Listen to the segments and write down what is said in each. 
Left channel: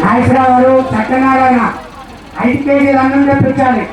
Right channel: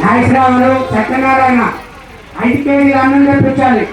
నాగేశ్వరరావు గారు, సత్యనారాయణ 5 కేజీలు అన్నం తెప్పించాలి.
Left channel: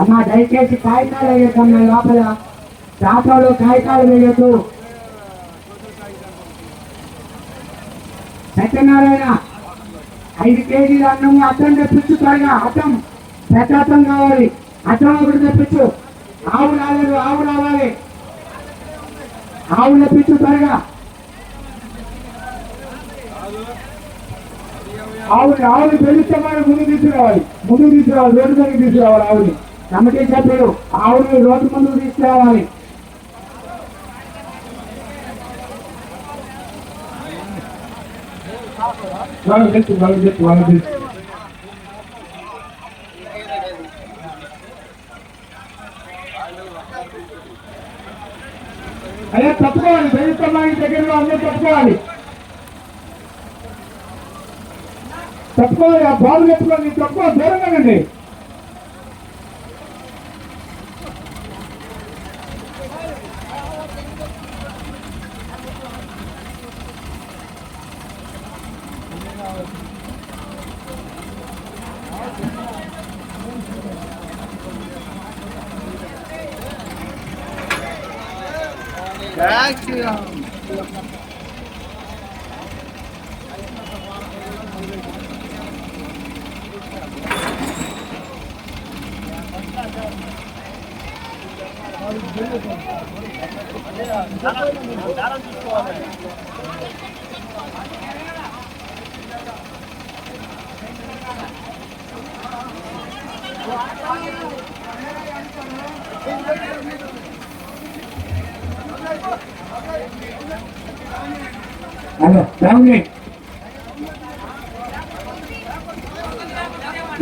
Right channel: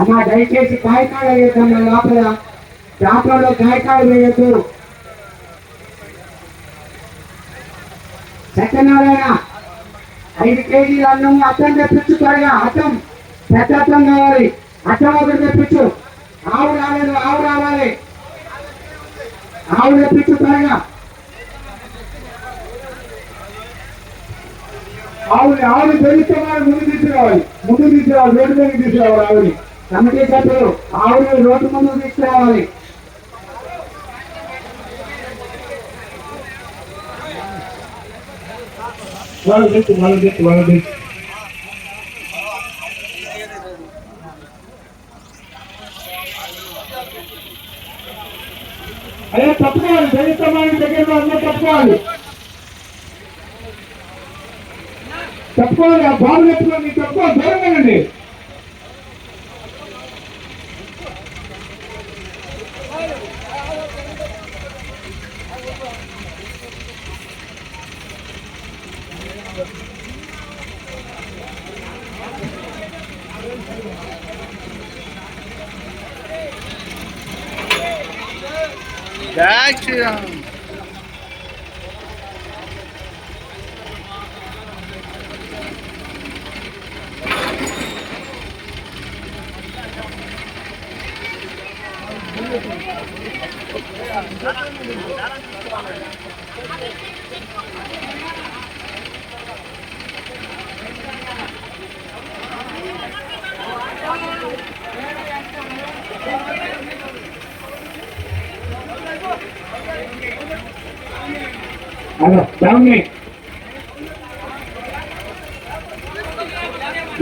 అమ్మా దయచేసి కాయకాలు వేయకమ్మా, లోపల చేపలు కాయకాలు వేయద్దు. సత్యనారాయణ 5 కేజీల అన్నం అర్థం తెప్పించు త్వరగా. అర్థం పెద్ద అర్థం కావాలి. అర్థం ఒకటి తెప్పించు. ఆవు రాలేదు, ఆవు రావాలి. ఆవు తెప్పించు త్వరగా. ఆవుని పెరిగితే ముందు తీసుకురావాలి. రోడ్డు మీద తీసుకురావాలి. ఆవుని కమిటీ సభ్యులు ఆవుని రోడ్డు ముందుకు తీసుకురావాలి. అయ్యా తప్పుకోవాలి. పెరుగుతామని దగ్గరలో అందరూ తప్పుకోవాలి. తప్పుకోవాలి. ఆ బాబులు ఎత్తుకోండి. తప్పుకో, దూరంగానండి.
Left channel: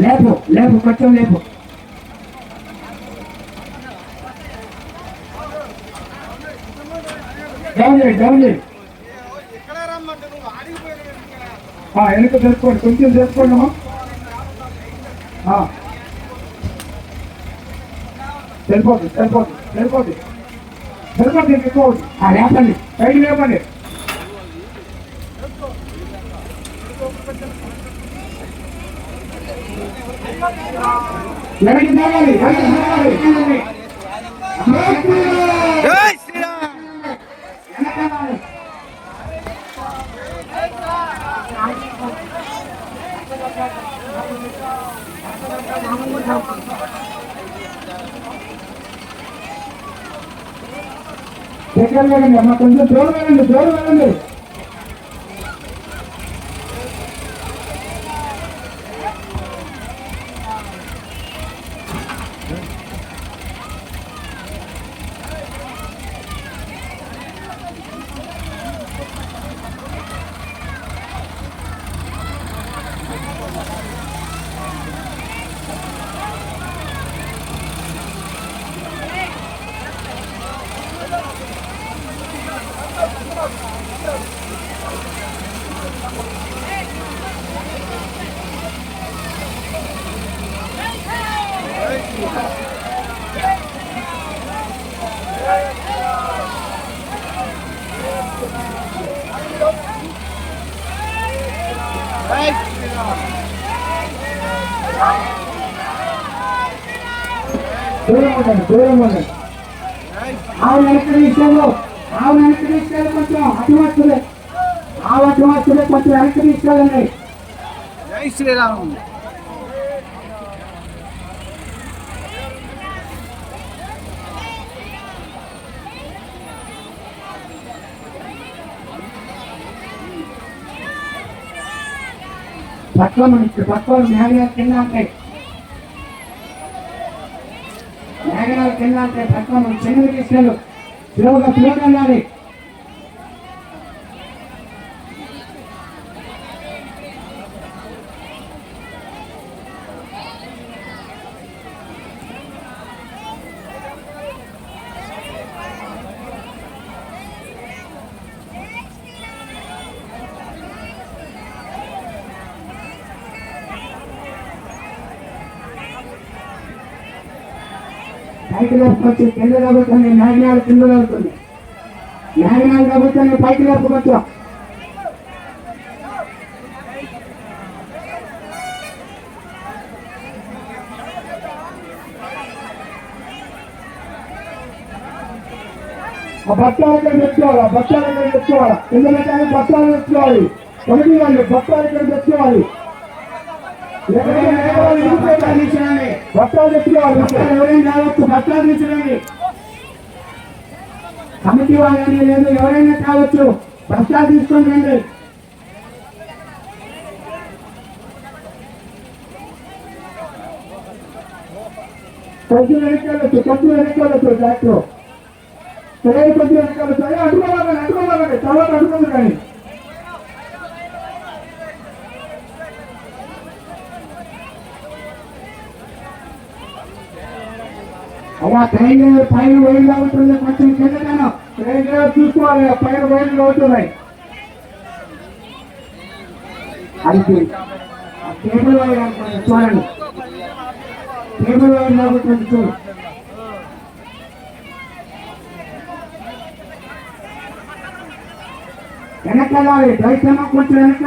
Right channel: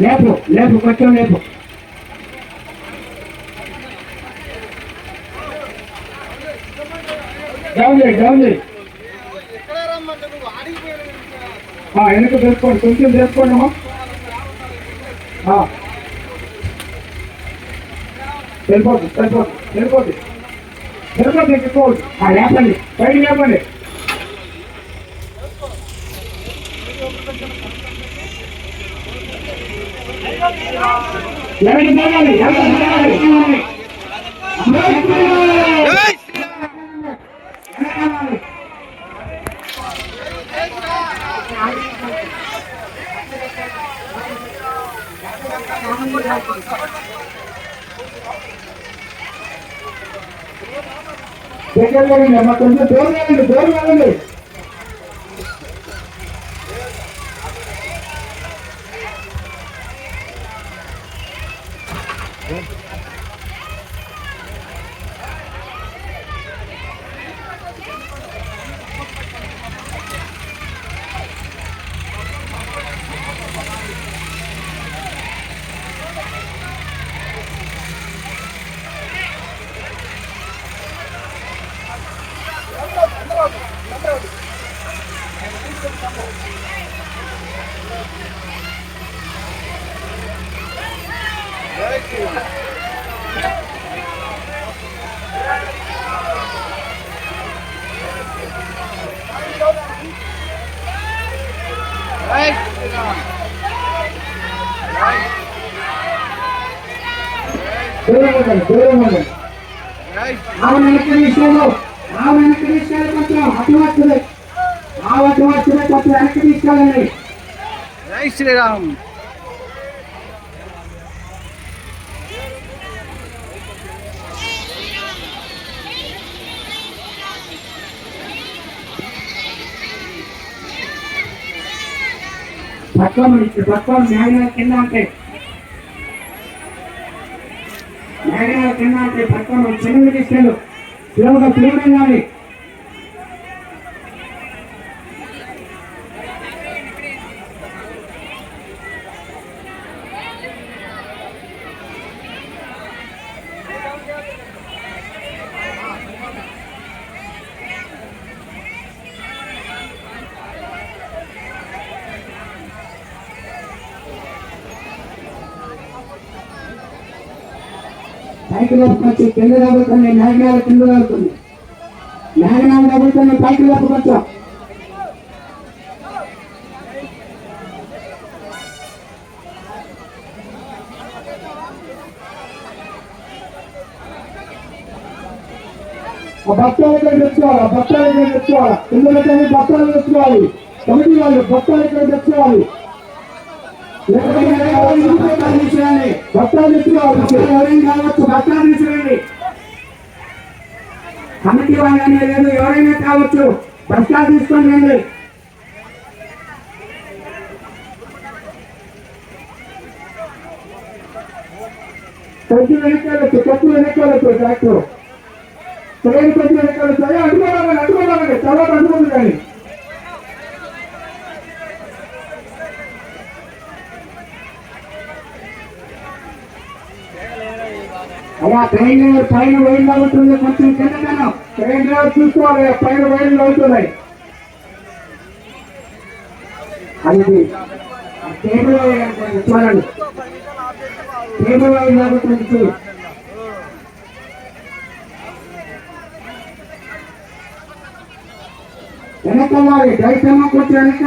లేపు లేపు, కొంచెం లేపు. డౌన్ చేయి. వెనక తెలుసుకోండి, కొంచెం తెలుసుకోండి అమ్మా. వెళ్ళిపోద్ది. లేపండి, బయట లేపండి. వెనక్కి తేవాలి. వెనకాలి. దగ్గరలో అమ్మ కొంచెం దూరం వెళ్ళండి ఆవు వెనక్కి తీసుకెళ్ళి కొంచెం అటువచ్చులే కొంచెం వెనక్కి తీసుకెళ్ళండి. జై శ్రీరామ్. పక్కన మేఘనాలు కింద ఉంటాయి పక్కన చెరువు తీసుకెళ్ళు సులువుగా ఫ్లోర్ వెళ్ళాలి. పైకి లేపుకొచ్చి కింద తగ్గుతుంది మేఘనాలు కింద తగ్గుతుంది పైకి లేపుకొచ్చాం. బత్తాలు తెచ్చుకోవాలి కింద పెట్టాలి బత్తాలు తెచ్చుకోవాలి కమిటీ వాళ్ళు బత్తాలు ఇక్కడ తెచ్చుకోవాలి బత్తాలు తెచ్చుకోవాలి ఎవరైనా కావచ్చు బత్తాలు తీసుకురండి కమిటీ వాళ్ళనే లేదు ఎవరైనా కావచ్చు బత్తాలు తీసుకొని రండి. కొద్ది వెనక్కి డాక్టర్ సరైన కొద్ది వెనక్కి సరే అడ్డుకోవాలండి తర్వాత అడ్డుకోండి కానీ అలా ట్రైన్ పైన వేళ్ళు అవుతుంది కొంచెం కిందకన్నా ట్రైన్ డ్రైవర్ చూసుకోవాలి పైన వేళ్ళు అవుతున్నాయి. అది టేబుల్ వైర్ అనుకోండి చూడండి టేబుల్ వైర్ అవుతుంది చూడు వెనక్కి వెళ్ళాలి డ్రైవర్ కూర్చొని వెనక్కి